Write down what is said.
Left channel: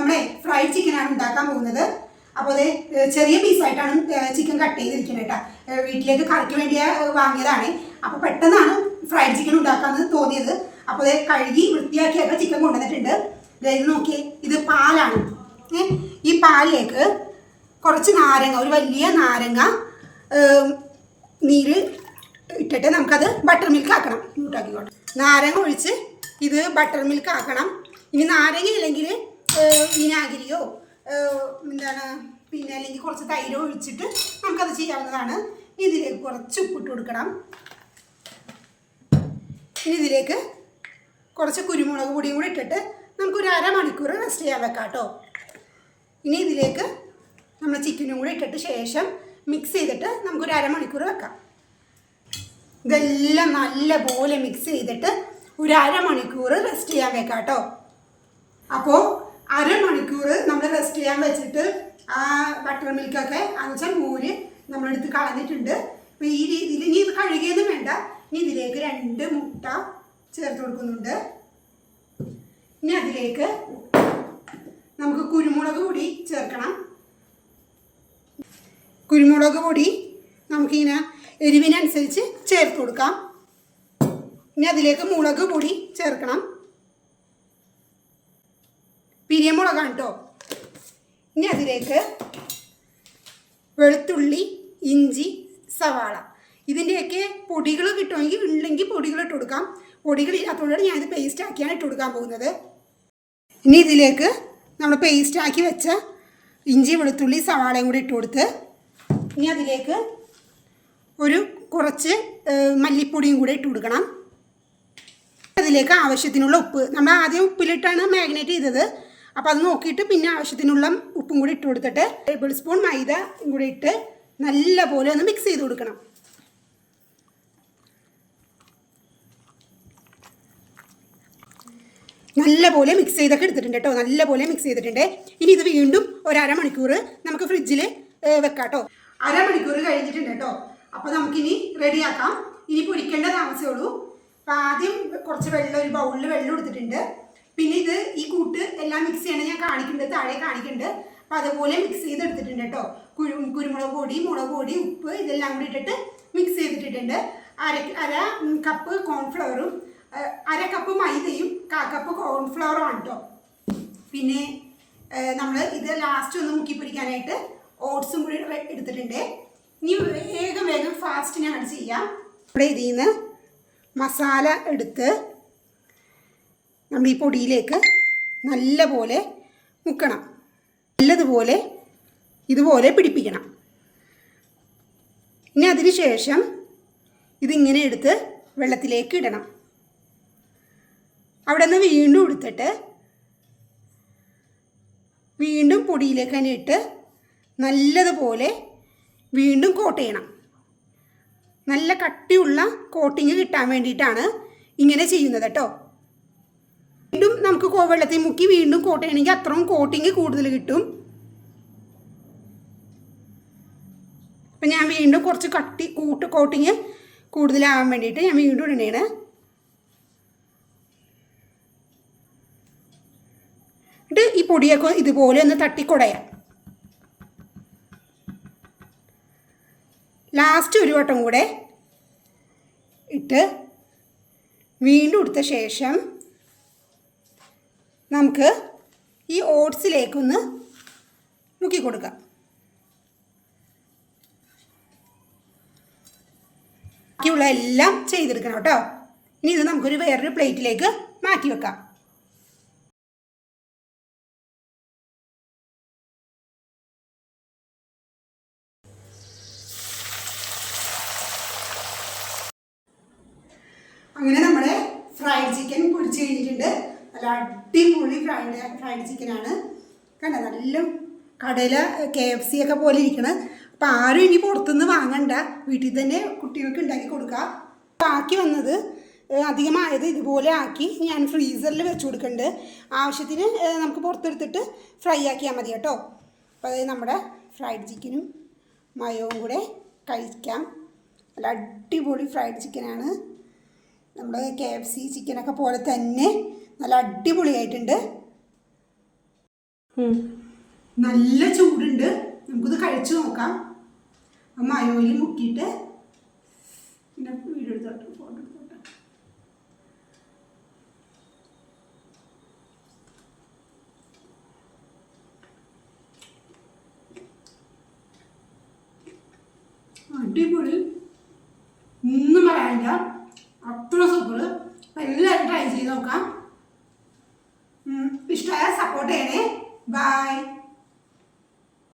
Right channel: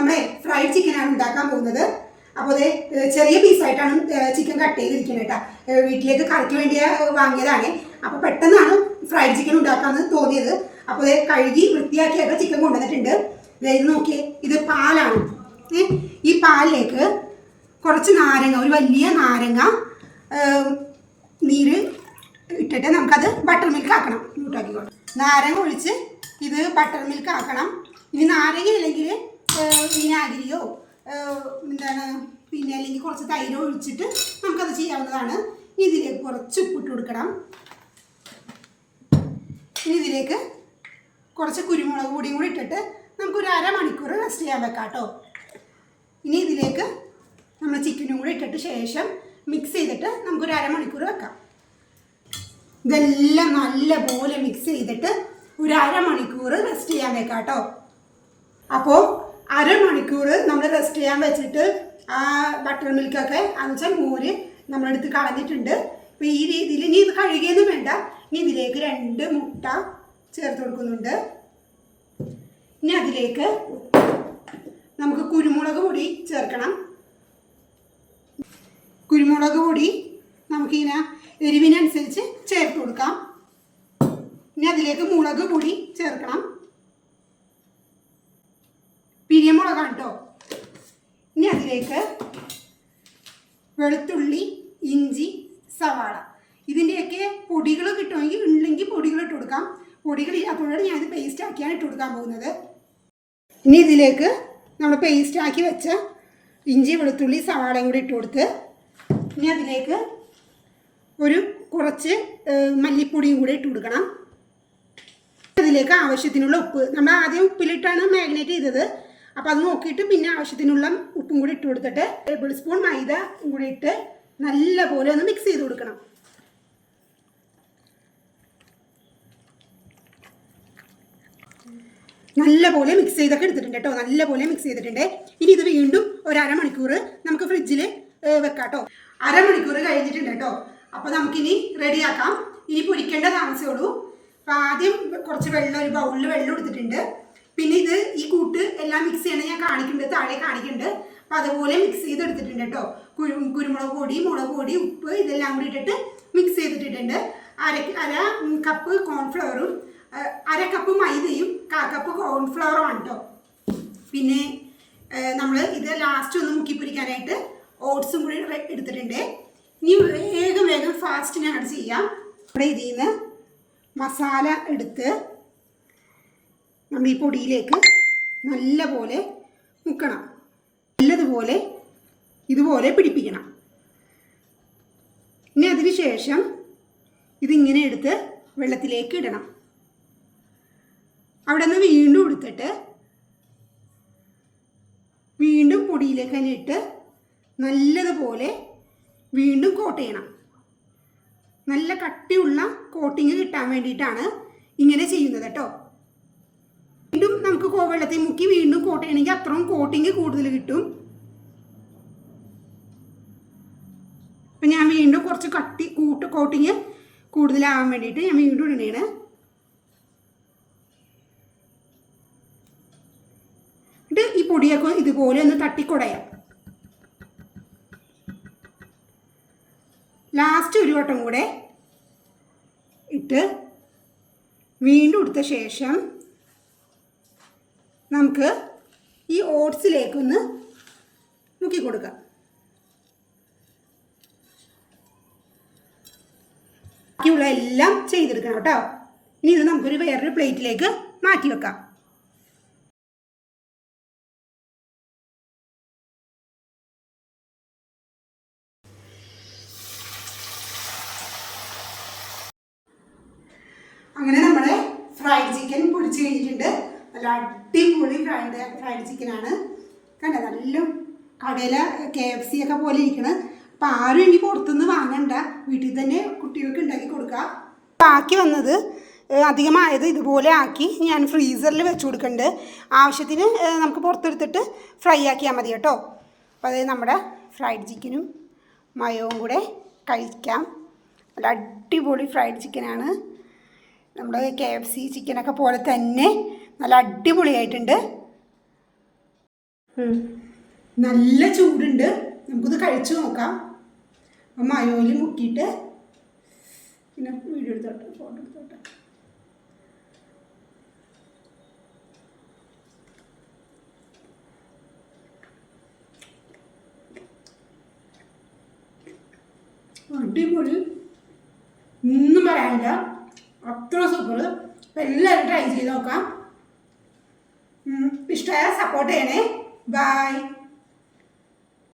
നമ്മളെ ഫ്രൈഡ് ആണ് ഉണ്ടാക്കാൻ പോകുന്നത്. അപ്പോൾ അത് ചെറിയ പീസായിട്ടാണ് ചിക്കൻ കട്ട് ചെയ്തിരിക്കുന്നത് കേട്ടോ. വീട്ടിലേക്ക് കറിക്ക് വേണ്ടി വാങ്ങിയതാണ്. അപ്പോൾ പെട്ടെന്നാണ് ഫ്രൈഡ് ചിക്കൻ ഉണ്ടാക്കാമെന്ന് തോന്നിയത്. അപ്പോൾ അത് കഴുകി വൃത്തിയാക്കിയൊക്കെ ചിക്കൻ കൊണ്ടുവന്നിട്ടുണ്ട്. ഇത് നോക്കി ഇത് പാലാണ്. ഈ പാലിലേക്ക് കുറച്ച് നാരങ്ങ ഒരു വലിയ നാരങ്ങ നീര് ഇട്ടിട്ട് നമുക്കത് ബട്ടർ മിൽക്ക് ആക്കണം. ഇങ്ങോട്ടാക്കിക്കോട്ടെ. നാരങ്ങ ഒഴിച്ച് ഇത് ബട്ടർ മിൽക്ക് ആക്കണം. ഇനി നാരങ്ങ ഇല്ലെങ്കിൽ വിനാഗിരിയോ എന്താണ് പിന്നെ അല്ലെങ്കിൽ കുറച്ച് തൈരോ ഒഴിച്ചിട്ട് നമുക്കത് ചെയ്യാവുന്നതാണ്. ഇതിലേക്ക് കുറച്ച് ഉപ്പിട്ട് കൊടുക്കണം. ഇനി ഇതിലേക്ക് കുറച്ച് കുരുമുളക് പൊടിയും കൂടി ഇട്ടിട്ട് നമുക്കൊരു അരമണിക്കൂർ റെസ്റ്റ് ചെയ്യാൻ വെക്കാം കേട്ടോ. ഇനി ഇതിലേക്ക് നമ്മൾ ചിക്കനും കൂടി ഇട്ടിട്ട് ശേഷം മിക്സ് ചെയ്തിട്ട് നമുക്കൊരു അരമണിക്കൂർ വെക്കാം. ഇതെല്ലാം നല്ലപോലെ മിക്സ് ചെയ്തിട്ട് ഒരു അരമണിക്കൂർ റെസ്റ്റ് ചെയ്യാൻ വെക്കാം കേട്ടോ. അപ്പോൾ അരമണിക്കൂർ നമ്മൾ റെസ്റ്റ് ചെയ്യാൻ വെച്ചിട്ട് ആ ബട്ടർ മിൽക്കൊക്കെ അഞ്ചൽ മോര് നമ്മളെടുത്ത് കളഞ്ഞിട്ടുണ്ട്. അപ്പോൾ ഈ രീതിയിൽ ഇനി ഇത് കഴുകിയൊന്നും വേണ്ട. ഇനി ഇതിലേക്ക് രണ്ട് മുട്ട ചേർത്ത് കൊടുക്കുന്നുണ്ട്. ഇനി അതിലേക്ക് നമുക്ക് കുരുമുളക് പൊടി ചേർക്കണം. കുരുമുളക് പൊടി നമുക്കിങ്ങനെ എരിവിനനുസരിച്ച് ചേർത്ത് കൊടുക്കാം. ഇനി അതിലേക്ക് മുളക് പൊടി ചേർക്കണം. പിരിയമുളകാണ് കേട്ടോ ഇനി അതിലേക്ക് വെളുത്തുള്ളി ഇഞ്ചി സവാള. ഇതിന്റെയൊക്കെ പൊടികൾ കിട്ടുമെങ്കിൽ ഉണ്ടെങ്കിൽ പൊടികൾ ഇട്ട് കൊടുക്കാം. പൊടികൾ ഇല്ലാത്തതുകൊണ്ടാണ് ഞാനിത് പേസ്റ്റ് ആക്കിയാണ് ഇട്ട് കൊടുക്കാൻ പോകുന്നത്. ഇനി ഇതിലേക്ക് നമ്മൾ പേസ്റ്റ് ആക്കി വെച്ച ഇഞ്ചി വെളുത്തുള്ളി സവാളയും കൂടി ഇട്ട് കൊടുത്ത് ഇനി അതിലേക്ക് ഒരു കുറച്ച് മല്ലിപ്പൊടിയും കൂടി ഇട്ട് കൊടുക്കണം. അതിലേക്ക് ആവശ്യത്തിനുള്ള ഉപ്പ്. നമ്മൾ ആദ്യം ഉപ്പിലിട്ടാണ് മാഗ്നേറ്റ് ചെയ്തത്. അപ്പോൾ അത് നോക്കിയിട്ട് പിന്നെ ആവശ്യത്തിനുള്ള ഉപ്പും കൂടി ഇട്ട് കൊടുത്തിട്ട് ടേബിൾ സ്പൂൺ മൈദ കൂടി ഇട്ട് നല്ലപോലെ ഒന്ന് മിക്സ് ചെയ്ത് കൊടുക്കണം. നല്ലപോലെ മിക്സ് ചെയ്തൊക്കെ എടുത്തിട്ടുണ്ട് കേട്ടോ. നല്ലപോലെ മിക്സ് ചെയ്തിട്ടുണ്ട്. ഇനി ഇത് വീണ്ടും ഒരു അരമണിക്കൂർ നമുക്ക് ഫ്രിഡ്ജിൽ വെക്കാം കേട്ടോ അരമണിക്കൂർ കഴിഞ്ഞിട്ടുണ്ട് കേട്ടോ. അപ്പോൾ നമുക്കിനി റെഡിയാക്കാം. ഇനി പൊരിക്കേണ്ട താമസമേ ഉള്ളൂ. ആദ്യം കുറച്ച് വെള്ളം ഒരു ബൗളിൽ വെള്ളം എടുത്തിട്ടുണ്ട്. പിന്നെ ഇത് ഈ കൂട്ട് എല്ലാം മിക്സ് ചെയ്യണം. ഞാൻ കാണിക്കുന്നുണ്ട് താഴെ കാണിക്കുന്നുണ്ട് അപ്പം അതുപോലെ മിക്സ് ചെയ്തെടുത്തിട്ടുണ്ട് കേട്ടോ കുരു കുരുമുളക് പൊടി മുളക് പൊടി ഉപ്പ് ഇതെല്ലാം കൂടി ഇട്ടിട്ട് മിക്സ് ചെയ്തിട്ടിട്ടുണ്ട്. അര അര കപ്പ് കോൺഫ്ലവറും അര കപ്പ് മൈദയും കാ കപ്പ് കോൺഫ്ലവറും ആണ് കേട്ടോ പിന്നെ നമ്മൾ ഇത് ലാസ്റ്റ് ഒന്ന് മുക്കി പിടിക്കാനായിട്ട് ഓട്സും കൂടി എടുത്തിട്ടുണ്ട്. ഇനി വേഗം വേഗം ഫാസ്റ്റ് ഞാൻ ചെയ്യാം. ഇവിടെ ഇതിൽ നിന്ന് മസാല എടുത്ത് നമ്മൾ ഈ പൊടിയിലേക്ക് നല്ലപോലെ മുക്കണം. നല്ലതുപോലെ ഇതുപോലെ പിടിപ്പിക്കണം. ഇനി അതിന് ശേഷം ഇതിങ്ങനെ എടുത്ത് വെള്ളത്തിലേക്ക് ഇടണം. അവിടെ നിന്ന് വീണ്ടും എടുത്തിട്ട് വീണ്ടും പൊടിയിലേക്ക് തന്നെ ഇട്ട് നല്ലതുപോലെ വീണ്ടും കോട്ട് ചെയ്യണം. നല്ല കട്ടിയുള്ള കോട്ടിങ് കിട്ടാൻ വേണ്ടിയിട്ടാണ് ഇങ്ങനെ ചെയ്യുന്നത് കേട്ടോ. വീണ്ടും നമുക്ക് കോവെള്ളത്തിൽ മുക്കി വീണ്ടും കോട്ട് ചെയ്യണമെങ്കിൽ അത്രയും കോട്ടിങ് കൂടുതൽ കിട്ടും. അപ്പം ഞാൻ വീണ്ടും കുറച്ച് കട്ടി കൂട്ട് കോട്ടിങ് കൂടുതലാവാൻ വേണ്ടിയിട്ട് ഞാൻ വീണ്ടും ഇടണേണ്. എന്നിട്ട് ഈ പൊടിയൊക്കെ ഇതുപോലെ ഒന്ന് തട്ടിക്കുടയാം. ലാസ്റ്റ് ഒരു വട്ടം കൂടെ ഇട്ട് വീണ്ടും എടുത്ത ശേഷം നമുക്ക് ഈ ഓട്സിലേക്കൊന്ന് മുക്കി കൊടുക്കാം. ബാക്കിയുള്ള എല്ലാം ചെയ്തെടുക്കണം കേട്ടോ. ഇനി ഇത് നമുക്കൊരു വേറൊരു പ്ലേറ്റിലേക്ക് മാറ്റി വെക്കാം. അങ്ങനെ നമ്മുടെ ഫ്രൈഡ് ചിക്കൻ പൊടിച്ച് കഴിഞ്ഞിട്ടുണ്ട്. നല്ല അടിപൊളി ഫ്രൈഡ് ഫ്രൈഡ് ചിക്കനാണ് കണ്ട? നല്ല കടയിൽ കെ എഫ് സി ഒക്കെ പോലെ ഇരിക്കണം. അപ്പം ആരും ഇനി പുറത്തുനിന്ന് വാങ്ങണ്ട. വീട്ടിൽ തന്നെ കുട്ടികൾക്ക് ഉണ്ടാക്കി കൊടുക്കുക ബാക്കി വന്നത് അധികമായത് ഇതുപോലെ ആക്കി ഞാൻ ഫ്രീസറിൽ വെച്ച് കൊടുക്കുന്നുണ്ട് ആവശ്യത്തിന് നമുക്ക് പുറത്തെടുത്തിട്ട് ഫ്രൈ ആക്കിയാൽ മതി കേട്ടോ. അപ്പോൾ അത് നമ്മുടെ ഫ്രൈഡ് ചിക്കനും മയവും കൂടെ കഴിക്കാം. നല്ല അടിപൊളി ഫ്രൈഡ് ചിക്കനാണ് നമ്മുടെ കെ എഫ് സി ചിക്കനൊക്കെ പോലെ തന്നെ നല്ല അടിപൊളിയായിട്ടുണ്ട്. നല്ല ചൂടുണ്ട്. നമുക്കിത് കഴിച്ചു നോക്കാം. അപ്പം മയോയിൽ മുക്കിയിട്ട് പിന്നെ വീഡിയോ എടുത്തോട്ടെ ഫോട്ടോ എടുത്തോട്ടെ. അടിപൊളി. ഒന്നും പറയാനില്ല. അത്ര സൂപ്പർ അപ്പം എല്ലാവരും ട്രൈ ചെയ്ത് നോക്കാം. ഇഷ്ടമായ സപ്പോർട്ട് ചെയ്യണേ. ബൈ